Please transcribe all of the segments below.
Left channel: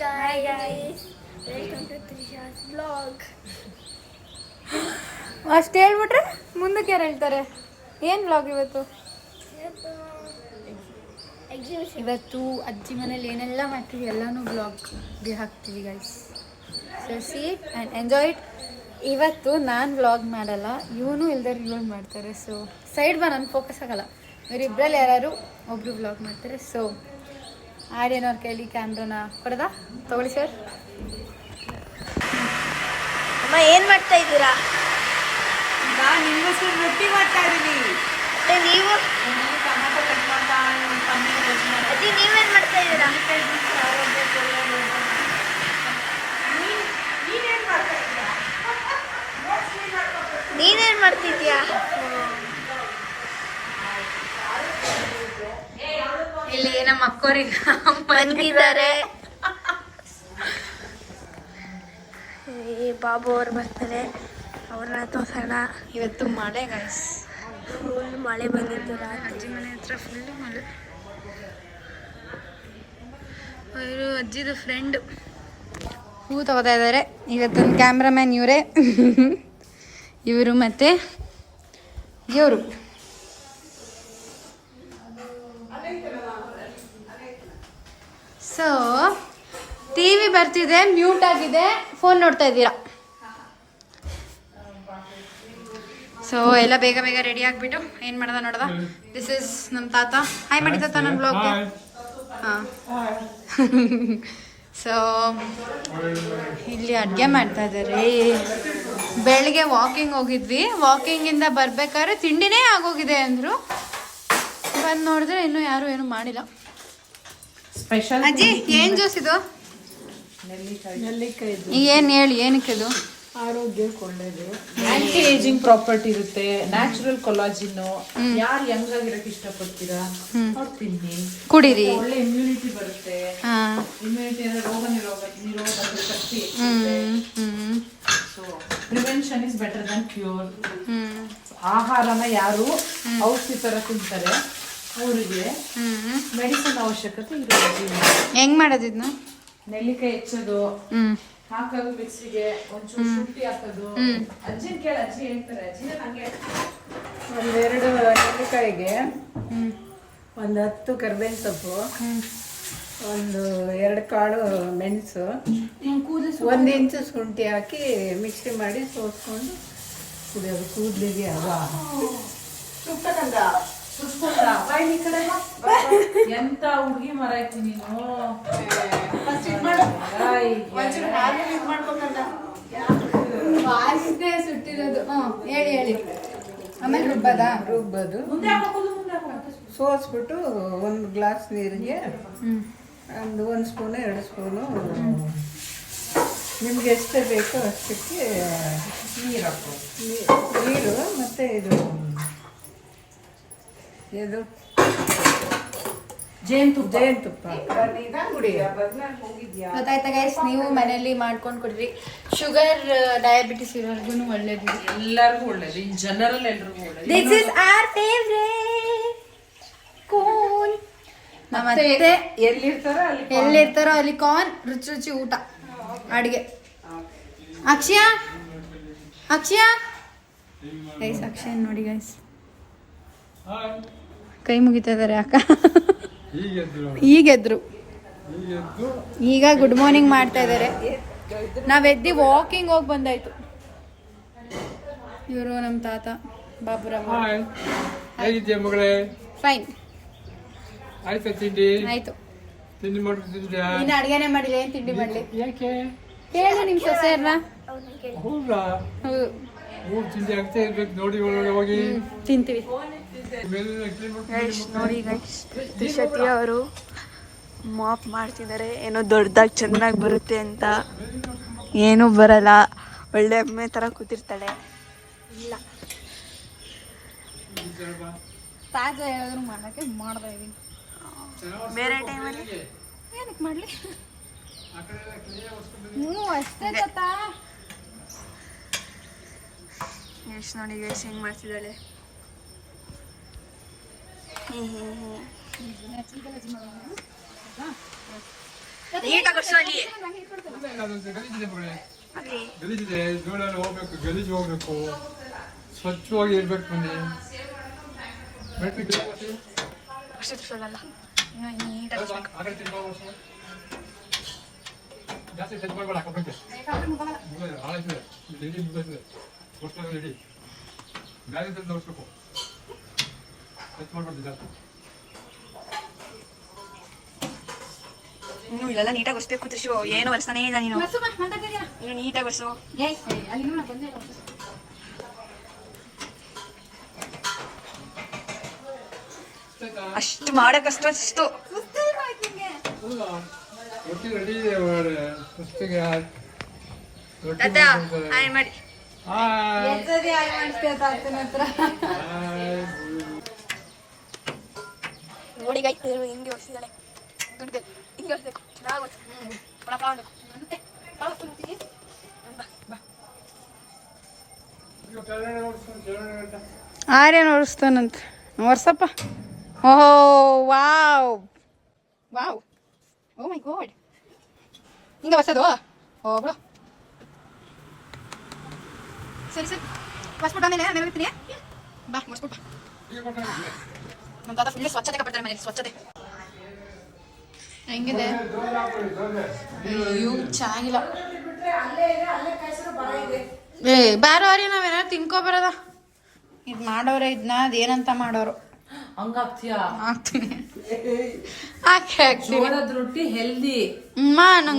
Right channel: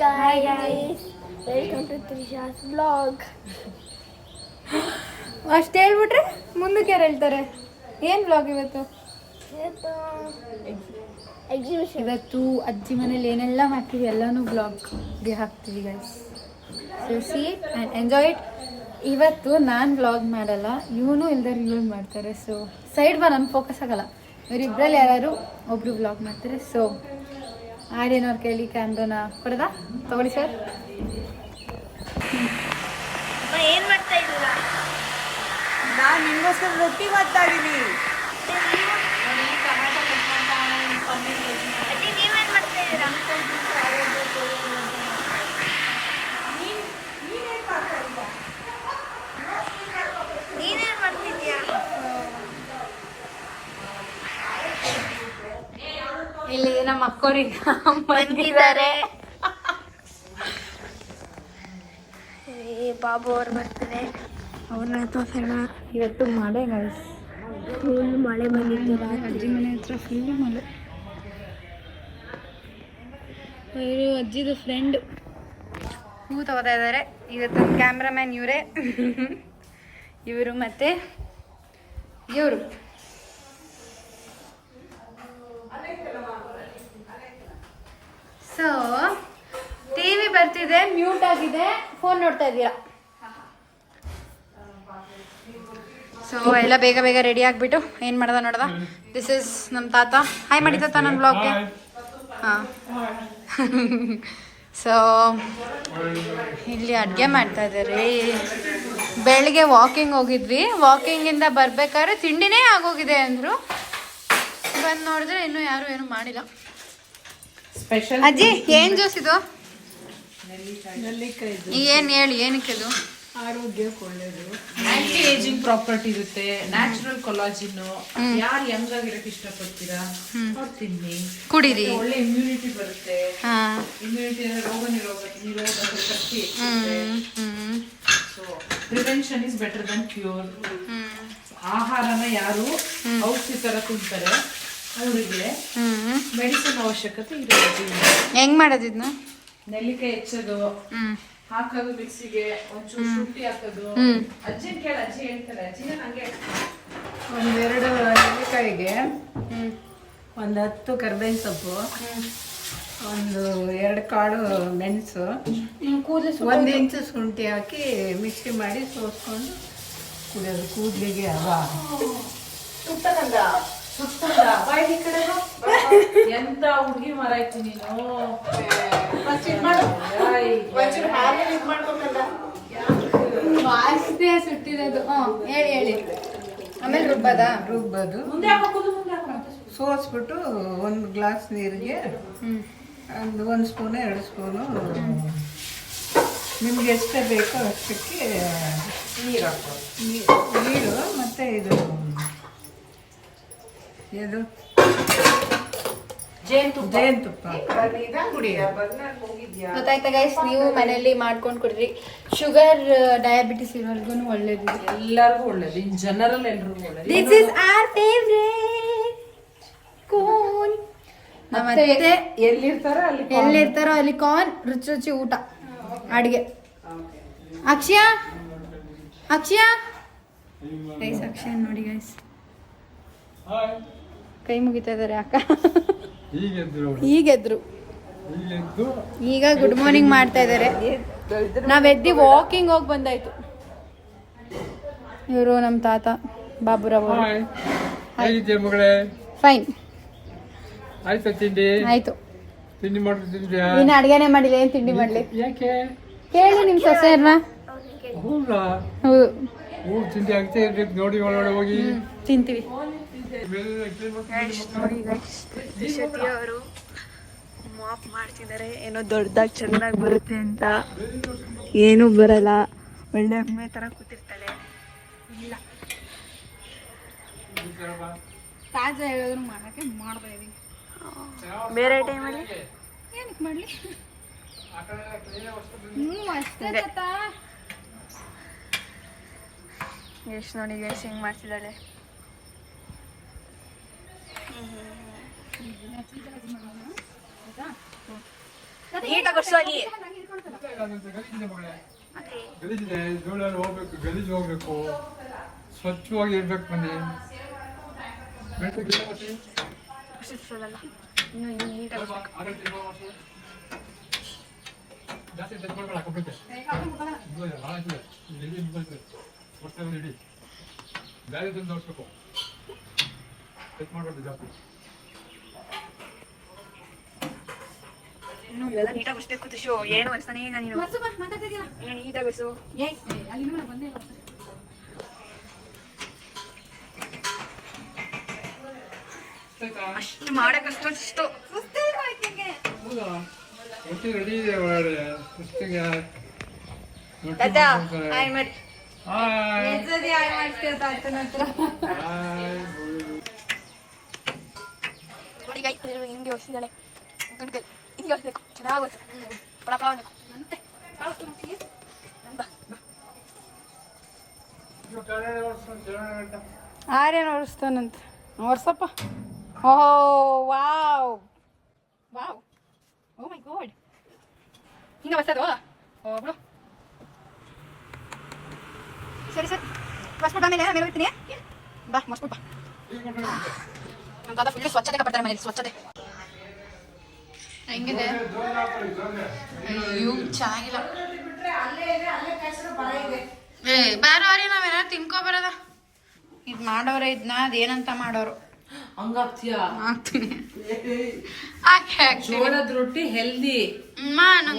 Hi guys, welcome to Trisha's vlog. ಅಷ್ಟು ಹೇಳ್ಬಿಟ್ರೆ ಮುಂದಕ್ಕೆ ಯಾರು ಹೇಳ್ತಾರೆ? ಏನು ವ್ಲಾಗ್ ಇವತ್ತು? ಇವತ್ತು ಅಜ್ಜಿ ಮನೇಲಿ ಏನೆಲ್ಲ ಮಾಡ್ತೀವಿ ಎಲ್ಲನೂ ವ್ಲಾಗ್ಗೆ ಹಾಕ್ತೀವಿ guys. So C it and enjoy it. ಇವತ್ತು ನಾನು ವ್ಲಾಗ್ ಮಾಡಲ್ಲ, ಇವನು ಇಲ್ದಾರೆ ಇವಳು ಮಾಡ್ತಾರೆ. ಸೊ ಸೈಡ್ ಬಾ, ನಾನು ಫೋಕಸ್ ಆಗಲ್ಲ. ಇವರಿಬ್ಬರಲ್ಲಿ ಯಾರು ಒಬ್ರು ವ್ಲಾಗ್ ಮಾಡ್ತಾರೆ. ಸೊ ಆರ್ಯನವ್ರ ಕೈಲಿ ಕ್ಯಾಮ್ರಾನ ಕೊಡೋದಾ? ತಗೊಳ್ಳಿ ಸರ್. ಅಮ್ಮ ಏನು ಮಾಡ್ತಾ ಇದ್ದೀರಾ? ನಾನು ನಿಮಗೋಸ್ಕರ ರೊಟ್ಟಿ ಮಾಡ್ತಾ ಇದ್ದೀನಿ. ನೀವು ಅಜ್ಜಿ ನೀವೇನು ಮಾಡ್ತಾ ಇದ್ದೀರಾ? ನೀನೇನು ಮಾಡ್ತಿದ್ಯಾ? ಇಲ್ಲಿ ನಮ್ಮ ಅಕ್ಕೋರಿಗೆ ಬಂದಿದ್ದಾರೆ. ಬಾಬು ಅವ್ರು ಬರ್ತಾರೆ, ಅವ್ರನ್ನ ತೋರ್ಸೋಣ. ಇವತ್ತು ಮಳೆ ಗೈಸ್, ಫುಲ್ ಮಳೆ ಬಂದಿತ್ತು. ಅಜ್ಜಿ ಮನೆ ಹತ್ರ ಫುಲ್ ಮಳೆ. ಅವರು ಅಜ್ಜಿದು ಫ್ರೆಂಡ್ ಹೂ ತಗೋತಾ ಇದ್ದಾರೆ. ಇವತ್ತು ಕ್ಯಾಮ್ರಾಮ್ಯಾನ್ ಇವರೇ, ಇವರು ಮತ್ತು ಇವರು. ಸೊ ಟಿವಿ ಬರ್ತಿದೆ, ಮ್ಯೂಟ್ ಆಗಿದೆ, ಫೋನ್ ನೋಡ್ತಾ ಇದ್ದೀರಾ. ಸೊ ಎಲ್ಲ ಬೇಗ ಬೇಗ ರೆಡಿ ಆಗಿಬಿಟ್ಟು ಏನು ಮಾಡ್ದ ನೋಡ್ದ. ದಿಸ್ ಇಸ್ ನಮ್ಮ ತಾತ. ಹಾಯ್ ಮಾಡಿ ತಾತ ನನ್ನ ಬ್ಲಾಗ್ಗೆ. ಹಾಂ. ಸೊ ಇಲ್ಲಿ ಅಡುಗೆ ಮಾಡ್ತಾ ಇದ್ದಾರೆ. ಬೆಳಗ್ಗೆ ವಾಕಿಂಗ್ ಹೋಗಿದ್ವಿ, ವಾಕಿಂಗಿಂದ ಬರ್ಬೇಕಾದ್ರೆ ತಿಂಡಿನೇ ಆಗೋಗಿದೆ ಅಂದರು. ಬಂದು ನೋಡಿದ್ರೆ ಇನ್ನೂ ಯಾರು ಏನು ಮಾಡಿಲ್ಲ. ಅಜ್ಜಿ ಏನ್ ಜ್ಯೂಸ್ ಇದು? ಏನ್ ಹೇಳಿ, ಏನಕ್ಕೆ ಇದು? ಆರೋಗ್ಯಕ್ಕೆ ಒಳ್ಳೇದು, ಆಂಟಿ ಏಜಿಂಗ್ ಪ್ರಾಪರ್ಟಿ ಇರುತ್ತೆ, ನ್ಯಾಚುರಲ್ ಕೊಲಾಜಿನ್. ಯಾರು ಯಂಗ್ ಆಗಿರಕ್ ಇಷ್ಟಪಡ್ತೀರಾ ಅವ್ರು ತಿನ್ನಿ, ಕುಡೀರಿ. ಒಳ್ಳೆ ಇಮ್ಯುನಿಟಿ ಬರುತ್ತೆ. ಇಮ್ಯುನಿಟಿ ಅಂದ್ರೆ ರೋಗ ನಿರೋಧಕ ಶಕ್ತಿ. So prevention is better than cure. ಆಹಾರನ ಯಾರು ಔಷಧಿ ತರ ತಿಂತಾರೆ, ಊರಿಗೆ ಮೆಡಿಸಿನ್ ಅವಶ್ಯಕತೆ ಇರೋದು. ಹೆಂಗ್ ಮಾಡೋದಿದ್ನ? ನೆಲ್ಲಿಕಾಯಿ ಹೆಚ್ಚೋದು, ಹಾಕೋದು ಮಿಕ್ಸಿಗೆ, ಒಂಚೂರು ಶುಂಠಿ ಹಾಕೋದು. ಅಜ್ಜಿನ ಕೇಳ, ಅಜ್ಜಿ ಹೇಳ್ತಾರೆ. ಅಜ್ಜಿನ ಹಂಗೆ ಒಂದೆರಡು ನೆಲ್ಲಿಕಾಯಿಗೆ 10 ಕರ್ಬೇವಿನ ಸೊಪ್ಪು, 2 ಕಾಳು ಮೆಣಸು, 1 ಇಂಚು ಶುಂಠಿ ಹಾಕಿ ಮಿಕ್ಸಿ ಮಾಡಿ ಸೋಸ್ಕೊಂಡು ಕುಡಿಯೋದು. ಕೂದಲಿಗೆ ಎಂತ ಹುಡುಗಿ ಮರ ಆಯ್ತು ನೀನು. ಸುಟ್ಟಿರೋದು. ಹೇಳಿ ಹೇಳಿ. ಆಮೇಲೆ ರುಬ್ಬದು, ಸೋಸ್ಬಿಟ್ಟು 1 ಗ್ಲಾಸ್ ನೀರಿಗೆ ಒಂದು 1 ಸ್ಪೂನು 2 ಸ್ಪೂನು ನಿಮ್ಗೆ ಎಷ್ಟು ಬೇಕೋ ಅಷ್ಟಕ್ಕೆ ನೀರು ಮತ್ತೆ ಇದು ಜೇನುತುಪ್ಪ ಗೊತ್ತಾಯ್ತಾ ಗೈಸ್? ನೀವು ಮನೆಯಲ್ಲಿ ಮಾಡ್ಕೊಂಡು ಕುಡ್ರಿ. ಶುಗರ್ ಡಯಾಬಿಟಿಸ್ ಇರೋರ್ಗು ಒಳ್ಳೇದು, ಎಲ್ಲರಿಗೂ ಒಳ್ಳೇದು, ಇನ್ ಜನರಲ್ ಎಲ್ರಿಗೂ ಒಳ್ಳೇದು. This is our favourite cone. ಮತ್ತೆ ಎಲ್ಲಿರ್ತಾರೋ ಅಲ್ಲಿ ಕಾರ್ನ್, ರುಚಿ ರುಚಿ ಊಟ ಅಡಿಗೆ. ಅಕ್ಷಯ ಗೈಸ್, ಅಕ್ಷಯ ನೋಡಿ ಗೈಸ್, ಕೈ ಮುಗಿತಾ ಇದಾರೆ ಅಕ್ಕ. ಈಗೆದ್ರು, ಈಗ ಗುಡ್ ಮಾರ್ನಿಂಗ್ ಮಾಡ್ತಾ ಇದಾರೆ. ನಾವೆದ್ದಿ ವಾಕಿಂಗ್ ಹೋಗಿ ಬಂದಾಯ್ತು. ಇವರು ನಮ್ಮ ತಾತ ಬಾಬುರಾವ್. ಫೈನ್ ಆಯ್ತಾ ತಿಂಡಿ? ಆಯ್ತು. ತಿಂಡಿ ಮಾಡ್ತಿದ್ಯಾ? ಇನ್ನು ಅಡ್ಗೆನೆ ಮಾಡಿಲ್ಲ, ಏನ್ ತಿಂಡಿ ಮಾಡ್ಲಿ? ಯಾಕೆ ಕೇಳಿ ನಿಮ್ ಸೊಸೆಯರ್ನ. ಹೌದಾ? ಹೌದು, ತಿಂಡಿ ಆಗ್ತಾ ಇರ್ಬೇಕು ನೋಡಿ, ಒಳಗಡೆ ಹೋಗಿ ತಿಂತೀವಿ. ನೋಡಿ ಗೈಸ್, ಅವರು ಮಾಪ್ ಮಾಡ್ತಿದ್ದಾರೆ, ಏನೋ ದೊಡ್ಡದಾಗಿ ಚೆನ್ನಾಗಿ ಬರುತ್ತೆ ಅಂತ. ಏನೂ ಬರಲ್ಲ, ಒಳ್ಳೆ ಅಮ್ಮೆ ಥರ ಕೂತಿರ್ತಾಳೆ. ಇಲ್ಲ ತಾಜಾ ಹೇಳಿದ್ರು ಮಾಡೋಕ್ಕೆ ಮಾಡ್ತಾ ಇದೀನಿ. ಬೇರೆ ಟೈಮಲ್ಲಿ ಏನಕ್ಕೆ ಮಾಡಲಿ? ಅಷ್ಟೇ ತಾತ. ಎಷ್ಟು ನೋಡಿ ಎಷ್ಟು ಹೆಂಗೆ ಮಾಡ್ತಿದ್ದಾಳೆ. ನೀಟಾಗಿ ಬರ್ಸು ಅಲ್ಲಿ. ಗಲೀಜಿದೆ, ಧೂಳಲ್ಲಿ ಹೋಗ್ಬೇಕು, ಗಲೀಜು ಹೋಗ್ಬೇಕು, ಸ್ವಚ್ಛವಾಗಿ ಇರ್ಬೇಕು ಮನೆ. ಜಾಸ್ತಿ ಟಚ್ ಮಾಡ್ಬೇಡ, ಕಬ್ಬಕ್ಕೆ ಇಡಿ ಗಾಳಿ ತಂದು ನೋಡ್ಬೇಕು, ಟಚ್ ಮಾಡ್ಬಾರ್ದು ಜಾಸ್ತಿ. ಇನ್ನು ಇಲ್ಲೆಲ್ಲ ನೀಟಾಗಿ ಬರ್ಸ್ಬೇಕು ತ್ರಿಶು, ಏನು ಬರ್ಸ್ತಾನೆ ಇಲ್ಲ ನೀನು. ನೀನು ನೀಟಾಗಿ ಬರ್ಸು. ಅಷ್ಟು ಮಾಡಕ್ಕಷ್ಟು ಅಷ್ಟು ರೊಟ್ಟಿ ರೆಡಿ ಇದೆ ಒಳಗಡೆ, ಸುಸ್ತಿಗೆ ರೊಟ್ಟಿ ಹಾಯ್ ಮಾಡಿ. ನೋಡಿ ಗೈ ಹಿಂಗೆ ಹೊಸಿದಾಳೆ, ಹಿಂಗೆ ಹೊಸಬೇಕು, ಚೆನ್ನಾಗುತ್ತೆ. ಆರ್ಯನ್ ಒರೆಸ್ತಾನಂತ ವರ್ಷಪ್ಪ. ಓಹೋ ವಾವ್ ವಾವ್, ಓ ಮೈ ಗಾಡ್. ಹಿಂಗೆ ಹೊಸದು. ಓ ಬಿಡು, ಸರಿ ಸರಿ ಮಸ್ಬಿಟ್ಟು ಆಮೇಲೆ ನಾನು ಹೋಗ್ತೀನಿ. ಬಾ ಮಸ್ಬಿಟ್ಟು ಬಾ. ನಮ್ಮ ತಾತ ಫುಲ್ ಸ್ವಚ್ಛತೆ ಕಟ್ತಾರೆ ಮನೇಲಿ, ಸ್ವಚ್ಛತೆ ಹೆಂಗಿದೆ? ಅಯ್ಯೋ ಚೆನ್ನಾಗಿಲ್ಲ. ಏ ಬಾರೋ ಆರ್ಯ, ನಾವೇನ ತಿನ್ಕೊ ಬರೋದ. ಇದು ಮಾಡೋರೆ ಇದನ್ನ, ಅದೇನಂತ ಮಾಡೋರು ಹಂಗಾಗ್ತೀಯ? ಹಾಕ್ತೀನಿ. ಜೋಳದ ರೊಟ್ಟಿ ಹೆಲ್ದಿ.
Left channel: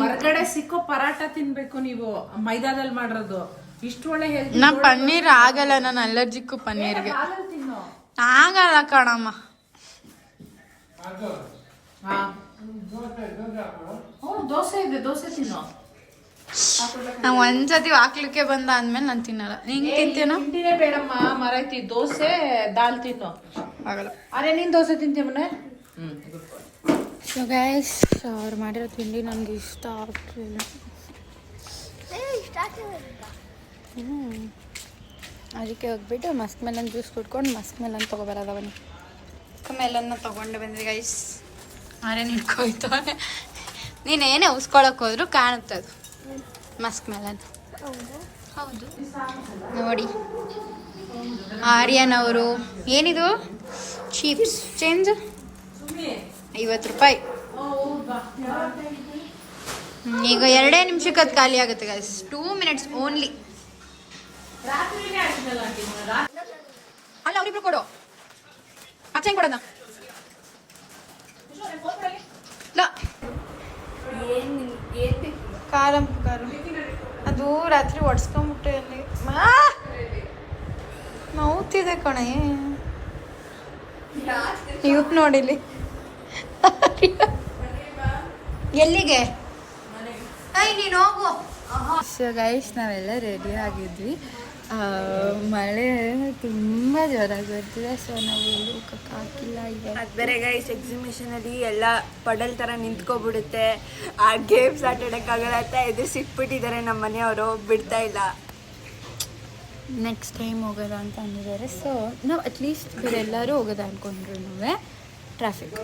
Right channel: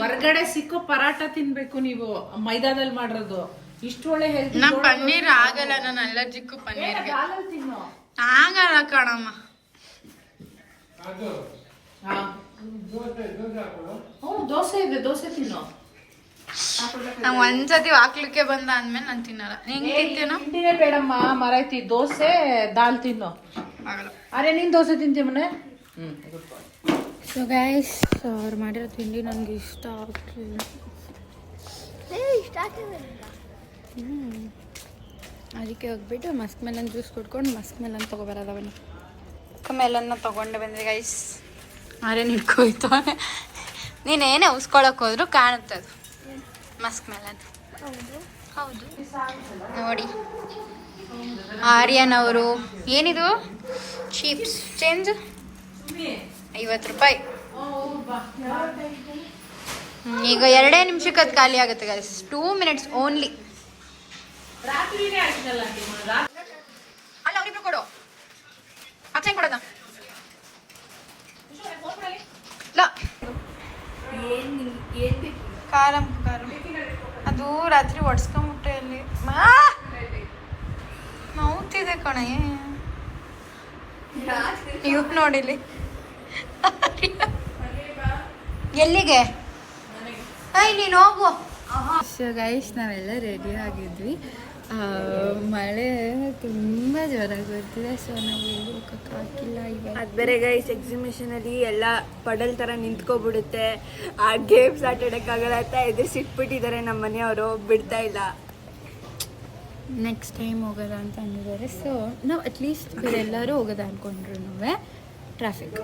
ಹೊರಗಡೆ ಸಿಕ್ಕೋ ಪರಾಟ ತಿನ್ಬೇಕು ನೀವು, ಮೈದಾದಲ್ಲಿ ಮಾಡಿರೋದು. ಇಷ್ಟು ಒಳ್ಳೆ ಹೆಲ್ದಿ. ನಾ ಪನ್ನೀರ್ ಆಗಲ್ಲ, ನಾನು ಅಲರ್ಜಿಕ್ಕು ಪನ್ನೀರ್ಗೆ. ತಿನ್ನು. ಆಗಲ್ಲ ಕಣಮ್ಮ. ದೋಸೆ ಇದೆ, ದೋಸೆ ತಿನ್ನು. ನಾವು ಒಂದ್ಸತಿ ಹಾಕ್ಲಿಕ್ಕೆ ಬಂದ ಅಂದ್ಮೇಲೆ ನಾನು ತಿನ್ನಲ್ಲ. ಹಿಂಗೆ ತಿಂತೇನೋ? ತಿಂಡಿನೇ ಬೇಡಮ್ಮ ಮರಾಯ್ತಿ, ದೋಸೆ ದಾಲ್ ತಿನ್ನು. ಆಗಲ್ಲ. ಅರೆ ನೀನ್ ದೋಸೆ ತಿಂತೀಯ ಮನೆ? ಸೊ ಗೈಸ್, ಅವ್ರು ಮಾಡಿರೋ ತಿಂಡಿ ನನಗೆ ಇಷ್ಟ ಆಗ್ತಿಲ್ಲ. ಅದಕ್ಕೆ ಹೋಗ್ಬಿಟ್ಟು ಮಸ್ಕ್ ಮೆಲನ್ ಜ್ಯೂಸ್ ಕುಡ್ಕೊಂಡು ಮಸ್ಕ್ ಮೆಲನ್ ತೊಗೊಬರೋದ ಬನ್ನಿ. ಮಸ್ಕ್ ಮೆಲನ್ನ ತೊಗೊಂಡು ಬಂದ್ವಿ ಗೈಸ್. ಅರೆ ನಿಡ್ಕೋಯ್ತವನೆ, ನೀನೇನೇ ಉಸ್ಕೊಳಕ್ಕೆ ಹೋದ್ರು ಕಾಣುತ್ತೆ ಅದು ಮಸ್ಕ್ ಮೆಲನ್. ಹೌದು ನೋಡಿ ಆರ್ಯನ್ ಅವರು. ಏನಿದು ಚೀಪ್ಸ್ ಚೇಂಜ್ 50 ರೂಪಾಯಿ. ಈಗ 2 ನಿಮಿಷಕ್ಕೆ ಅದು ಖಾಲಿ ಆಗುತ್ತೆ ಗೈಸ್. 2 minutes only. ಅಲ್ಲ ಅವ್ರಿಬ್ರು ಕೊಡು, ಅಕ್ಷಯ್ ಕೊಡೋದು. ಕಾರಂ ಅದು ರಾತ್ರಿ ಒಡ್ಸ್ಕೊಂಬಿಟ್ಟೆ ಅಲ್ಲಿ. ನೋವ್ತಿದೆ ಕಣೆ. ಇವ್ ನೋಡಿಲಿ ಎಲ್ಲಿಗೆ? ನೀನು ಹೋಗು. ಸೊ ಗೈಸ್, ನಾವೆಲ್ಲ ರೆಡಿ ಆಗಿದ್ವಿ. ಮಳೆ ತುಂಬ ಜೋರಾಗಿ ಬರ್ತಿದೆ. ಸೊ ನಾವು ಎಲ್ಲೂ ಹೋಗಕ್ಕೆ ಹಾಕಿಲ್ಲ. ಈಗ ಅದು ಬೇರೆ ಗೈಸ್, ಎಕ್ಸಿಬಿಷನಲ್ಲಿ ಎಲ್ಲ ಪಡಲ್ ಥರ ನಿಂತ್ಕೊಬಿಡುತ್ತೆ, ಆ ಗೇಮ್ಸ್ ಆಟ ಆಡೋಕ್ಕಾಗಲ್ಲ ಅಂತ ಎದುರಿಸಿಟ್ಬಿಟ್ಟಿದ್ದಾರೆ ನಮ್ಮ ಮನೆಯವರು, ಬಿಡ್ತಾ ಇಲ್ಲ. ನೆಕ್ಸ್ಟ್ ಟೈಮ್ ಹೋಗೋದ ಅಂತ ಅಂದಿದ್ದಾರೆ. ಸೊ ನಾವು ಅಟ್ಲೀಸ್ಟ್ ಬೇರೆಲ್ಲರೂ ಹೋಗೋದ ಅಂದ್ಕೊಂಡ್ರು ಟ್ರಾಫಿಕ್.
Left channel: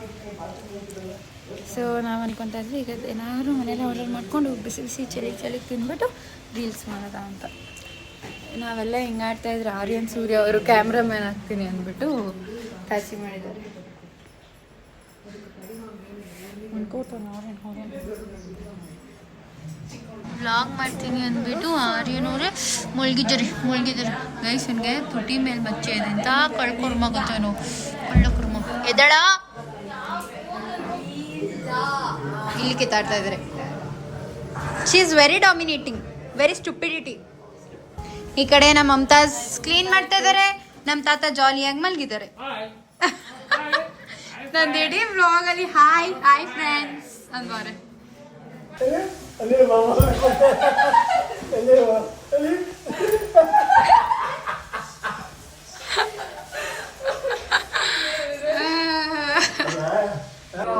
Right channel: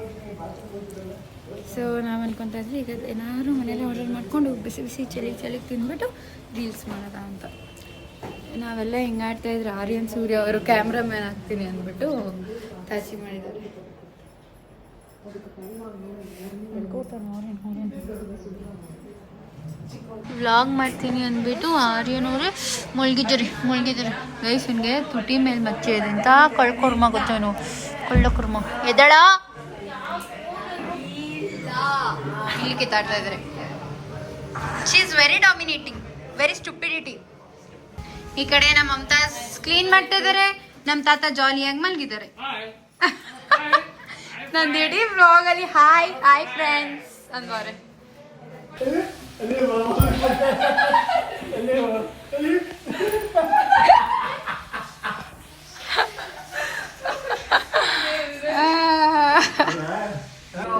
ಸೊ ನಾವು ಅನ್ಕೊತಾ ಇದ್ವಿ ಈಗ ಏನಾದ್ರು ಮನೇಲಿ ಆರ್ಡರ್ ಮಾಡ್ಕೊಂಡು ಬಿಸಿ ಬಿಸಿ ಚಳಿಗೆ ತಿಂದ್ಬಿಟ್ಟು ರೀಲ್ಸ್ ಮಾಡೋದ ಅಂತ. ನಾವೆಲ್ಲ ಹಿಂಗಾಡ್ತಾ ಇದ್ರೆ ಆರ್ಯನ್ ಸೂರ್ಯ ಅವರು ಕ್ಯಾಮ್ರಾಮ್ಯಾನ್ ಆಗ್ತೀನಿ ಅಂದ್ಬಿಟ್ಟು ತಾಚಿ ಮಾಡಿದ್ದಾರೆ. ವ್ಲಾಗ್ ಮಾಡ್ತೀನಿ ಅಂದ್ಬಿಟ್ಟು ಆರ್ಯನವರೇ ಮುಳುಗಿದ್ದಾರೆ ಗೈಸ್. ನನಗೆ ತುಟಿ ಮೇಲೆ ಮಚ್ಚೆ ಇದೆ ಅಂತ ಕಳ್ಕೊರ್ಮ ಗೊತ್ತೇನು, ಕೊಳ್ಳಕುರ್ಮ. ಎದಳ ಇಲ್ಲಿ ಕಿತ್ತಾಡ್ತಾ ಇದ್ದಾರೆ. She is very dominating, very stupidity. ಈ ಕಡೆ ನಮ್ಮ ಮಮತಾಜ್ ಕ್ಲೀನ್ ಮಾಡ್ತಾ ಇದ್ದಾರೆ, ನಮ್ಮ ತಾತ ಜಾಲಿಯಾಗಿ ಮಲಗಿದ್ದಾರೆ. ನಂದು ಇಡೀ ವ್ಲಾಗ್ ಅಲ್ಲಿ ಹಾಯ್ ಫ್ರೆಂಡ್ಸ್ ಹಂಗವ್ರೆ.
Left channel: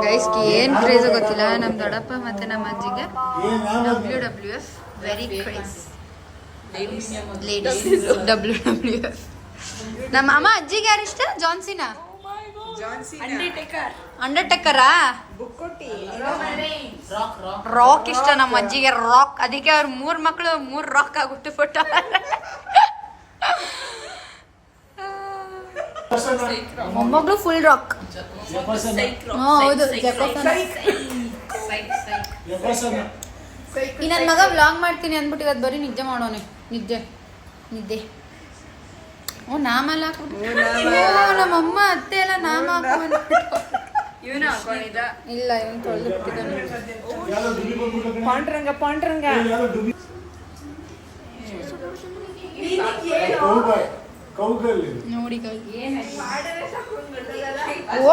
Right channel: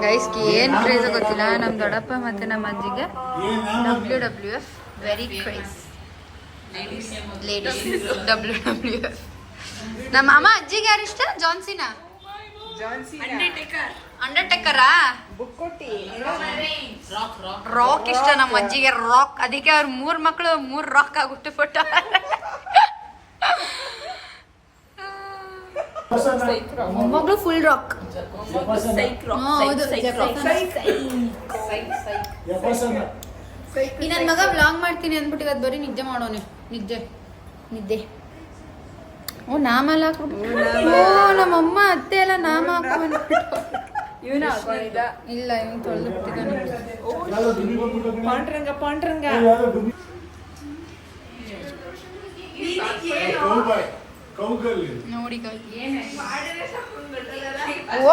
ಗೈಸ್ ಏನ್ ಕ್ರೇಜ್ ಗೊತ್ತಿಲ್ಲ, ನಮ್ ದೊಡ್ಡಪ್ಪ ಮತ್ತೆ ನಮ್ಮ ಅಜ್ಜಿಗೆ WWF very craze. Ladies WWF. ನಮ್ಮ ಅಮ್ಮ ಅಜ್ಜಿಗೆ ಯಾರು ಇಷ್ಟ? ಜಾನ್ಸಿನಾ? ಅಂಡರ್ಟೇಕರಾ? ರಾಕ್ ಇಷ್ಟ ನಮ್ಮ ಅಜ್ಜಿಗೆ, ರಾಕ್. ಅದಕ್ಕೆ ಅವ್ರ 3 ಮಕ್ಕಳು 3 ರಾಕ್ ಆಗ್ಬಿಟ್ಟು ಫೋಟ. ಮೊಮ್ಮಗಳು ಫುಲ್ ರಾಕ್. ಹೌದು, ಈ ನನ್ನ ಮಗ ವ್ಲಾಗ್ ಮಾಡ್ತೀನಿ ಅಂದ್ಬಿಟ್ಟು ಇವತ್ತು ಬರೀ ನಿದ್ದೆ ಮಾಡೋನೆ. ನಿದ್ದೆ. ಓ ನಾಮ ಎಲ್ಲ ಹಾಕ್ಬಿಟ್ಟು ನಮ್ಮಮ್ಮ ಅತ್ತೆ ಎಲ್ಲ ನಾಮ ಹಾಕೊಂಡ್ಬಿಟ್ಟು. ಇಲ್ಲ ಇವನ್ ತೊಳೆದು ಬಿಟ್ಟಿದ್ದಾನೆ. ಪಾಂಡ್ರಂಗ ನೋಡಿ ಓ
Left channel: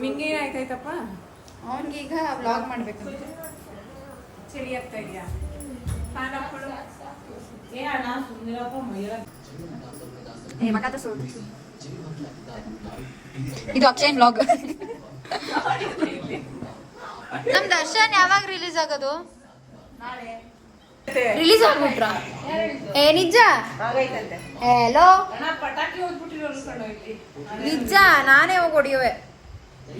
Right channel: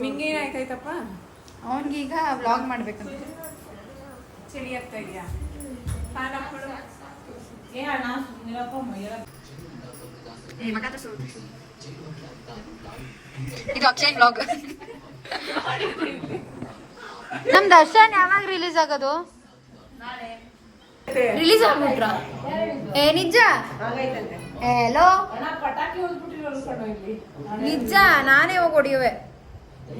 ನಿಂಗೆ ಏನಾಯ್ತಾಯ್ತಪ್ಪ? ಅವನ್ಗೀಗ ವ್ಲಾಗ್ ಮಾಡ್ಬೇಕಂತ. ಚಳಿ ಆಗ್ತಾ ಇದೆಯಾ? ಇದು ಅಕ್ಷಯನ್ ವ್ಲಾಗ್. ನಮ್ ದರ್ಶನ್ ಯಾವಾಗ ರಿಲೀಸ್ ಆಗೋದು? ರಿಲೀಸ್ ಆಗ್ಬಿಟ್ರ? ನಿಜ? ಹಲೋ ನಿಜ, ನಾನೇ ಹೋಗಿ ಹೊಡಿಯುವೆ.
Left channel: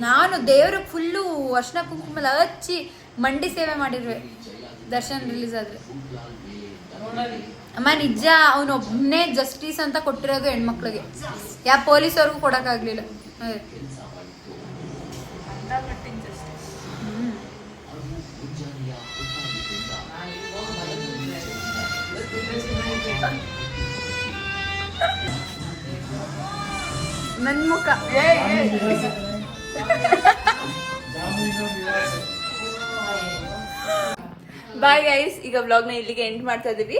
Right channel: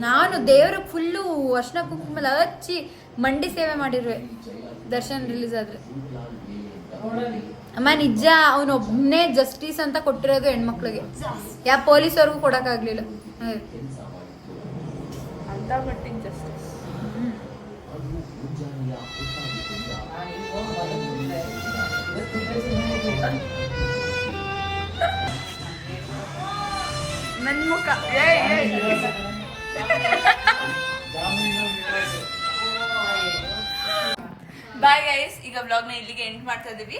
ನಾನು ದೇವ್ರ ಫುಲ್ಲು ಅರ್ಶಿನ ಕುಂಕುಮ ಹಚ್ಚಿ ಮಂಡಿ ಸೇವೆ ಮಾಡಿರುವೆ ದರ್ಶನ್ ರಿಲೀಸ್ ಆದ್ರೆ. ಅಮ್ಮ ನಿಜ, ಅವನೊಬ್ನೇ ಜಸ್ಟಿಸ್ ಅಂತ ಕೊಟ್ಟಿರೋದು ಹೆಣ್ಮಕ್ಳಿಗೆ, ಯಾವ ಪೊಲೀಸವ್ರಿಗೂ ಕೊಡಕ್ಕಾಗ್ಲಿಲ್ಲ. ನನ್ ಮುಖ ಬಾಯ್ ಗೈಸ್, ಈಗ ವ್ಲಾಗ್ನ ಇಲ್ಲಿಗೆ ಎಂಡ್ ಮಾಡ್ತಾ ಇದೀವಿ.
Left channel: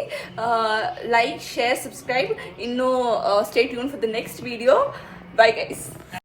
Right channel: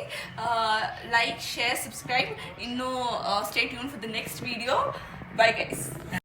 Like, share, subscribe. ಇನ್ನು stay tune for the next video. Bye guys.